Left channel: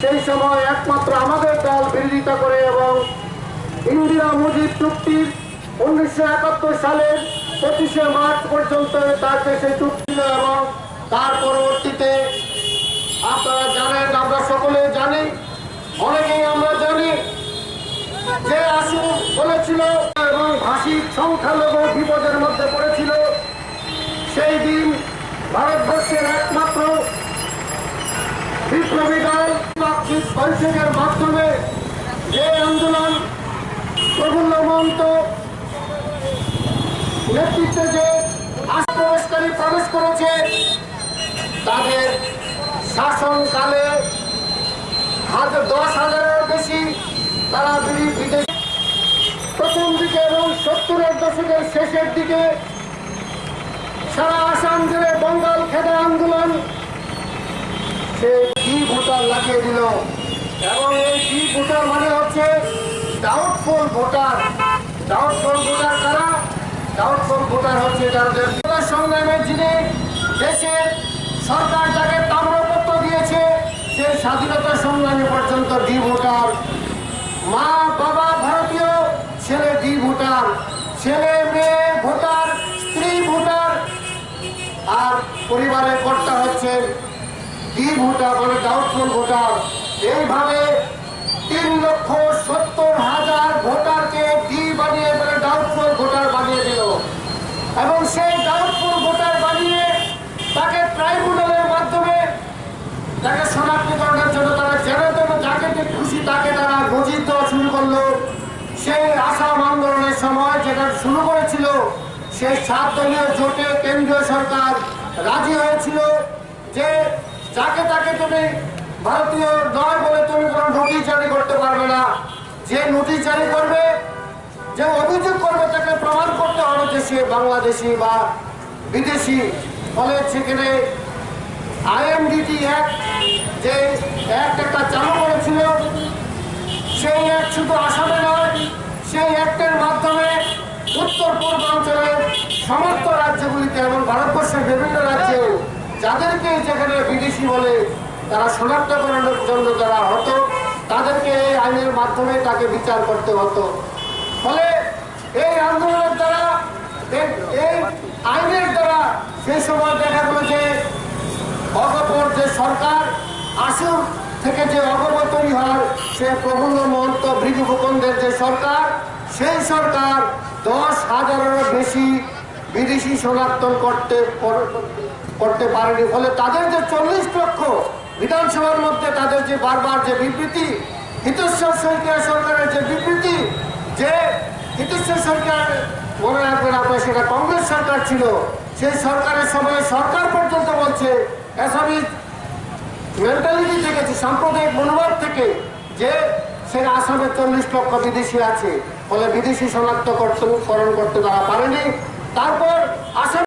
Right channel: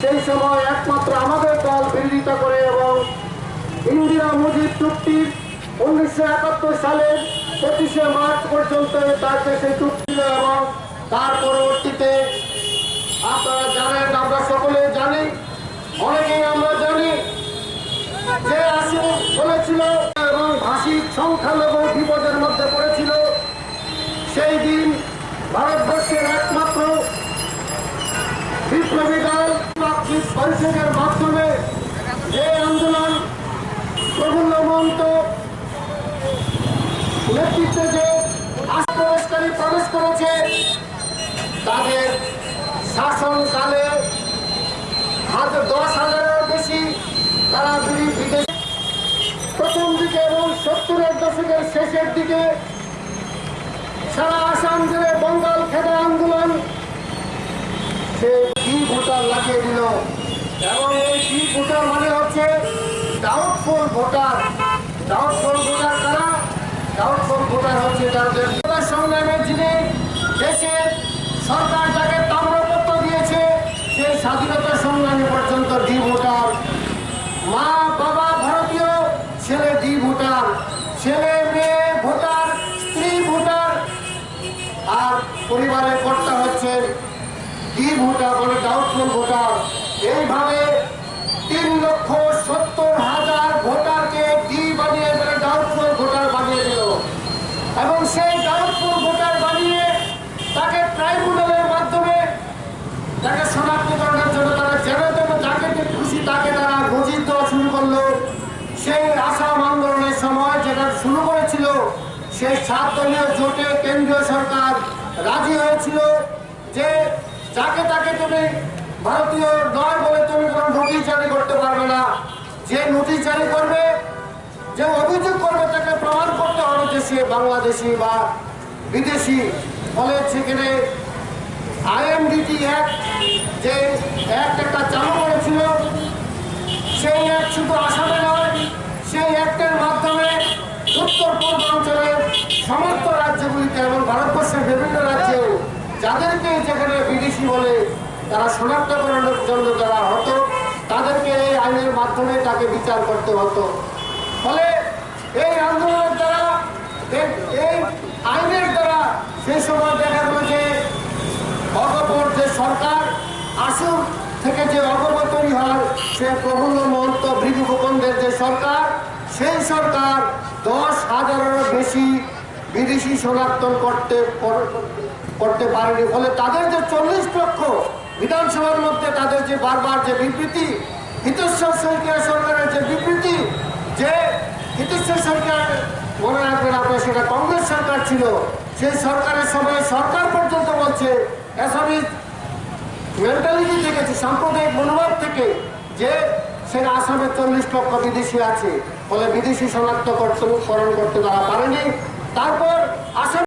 সেই সময় একমাত্র আমাদের দল বিরোধিতা করে এবং ইন্দিরা মুজিব চুক্তির 1971 সালের 25শে মার্চ পর্যন্ত তার দেশে চুক্তি এবং তার পরবর্তীতে আপনারা জানেন, আমরা সকলে জানি, অনেকেই আমরা জানি যে আসিফ বলেছিল এবং ভাষিক সংখ্যালঘু বিপদের মধ্যে পড়েছিল। সেই দিন ভারতবর্ষের একমাত্র বিপ্লবী দল বৈঠকের মাধ্যমে যে আন্দোলন প্রফুল্ল মহন্ত নেতৃত্বে যে প্রবেশকারী প্রবেশ করেছে, তাদের শাসনকালে 10,000-এর বেশি তারা বিদেশে প্রথম দিকে এবং 70-এর দশকের শেষের দিকে সারা আসাম জুড়ে বঙ্গাল খেদা আন্দোলন সে কি ভোটার লাগিয়ে দিল এবং এই কি ভোটার মানে হচ্ছে ডাউটফুল ভোটার। ডাউটফুল ভোটার কারা? ডাউটফুল ভোটার হচ্ছে যাদের সংগ্রামের যিনি দেশের সরকার যাকে তাম্রপত্র দিয়েছে, সেই স্বাধীনতা সংগ্রামী পর্যন্ত ডি ভোটার। মা বাবা ভারতীয়, ছেলে ডি ভোটার, ছেলে মেয়ে ভোটার, স্ত্রী ভোটার, আর পরিবারের কর্তা হচ্ছে ডি ভোটার, মানে ডাউটফুল ভোটার। এইভাবে 3,70,000 ভোটারকে ডি বানিয়ে মানে ডাউটফুল ভোটার বানিয়ে দিল এবং সেই ডাউটফুল ভোটার বানিয়ে তাকে ট্রাইব্যুনালের মাধ্যমে তাকে শনাক্তকরণের জন্য তারা যেন তেন যাকে খুশি তাকে তারা নজির দেওয়া শুরু করলো। সেই আসাম আন্দোলনের সময় যেটা শুরু করেছিল, সেই 7 দলীয় জোটে কেন্দ্রীয় সরকার রাজি হয়েছিল যে যাকে তাকে তুমি ভারতীয় নয় বলে তুমি কোনো নোটিশ জারি করতে পারবে না। যে নোটিশ জারি করবে, যে অভিযোগ করবে, তাকে প্রমাণ করতে হবে যে সে বাংলাদেশি বা বিদেশি। ফলে সেখানে IMDT অ্যাক্ট যে অ্যাক্ট একটা চালু করেছিল, সেই অ্যাক্ট শুধু আসামে নয়, সেই অ্যাক্টের মাধ্যমে উত্তর পূর্বাঞ্চলের সমস্ত রাজ্যগুলিতে এবং ভারতবর্ষের বিভিন্ন রাজ্যেও যাদেরকে যেখানে বিদেশি বলে তারা শনাক্তকরণের জন্য যারা হতো, তাদেরকে এই আইনের মাধ্যমে তাকে বিচার করতে হতো। ফলে এই আন্দোলনের দ্বারা, এই আইনের দ্বারা সেই সময় দেখা গেল যে অগপর যে সরকার আসুর থেকে যে অগপ তৈরি হয়, সে প্রফুল্ল মহন্ত ভৃগু ফুকনদের যে সরকার, সেই সরকার 10,000-এরও বেশি বিদেশি শনাক্ত করতে পারেনি। ফলে তাদের যে 40 লক্ষ বিধানসভার মধ্যে তাদের যে বারবার যে বিবৃতি, হিতেশ্বর শইকীয়া সরকারের যে বিবৃতি, যে হিতেশ্বর শইকীয়া মনে রাখবেন আপনার, সেটা কংগ্রেস সরকার ছিল, সেই সরকারের সময় সরকার পর্যন্ত বলছে অ্যাসামিজ মেন্টালিটি থেকে, সাম্প্রদায়িক মনোভাব থেকে, যে সেটা আসামে 40 লক্ষ বিদেশি আছে। ফলে বিদেশি শনাক্তকরণ করতে তারা পারেনি। তারপর আসাম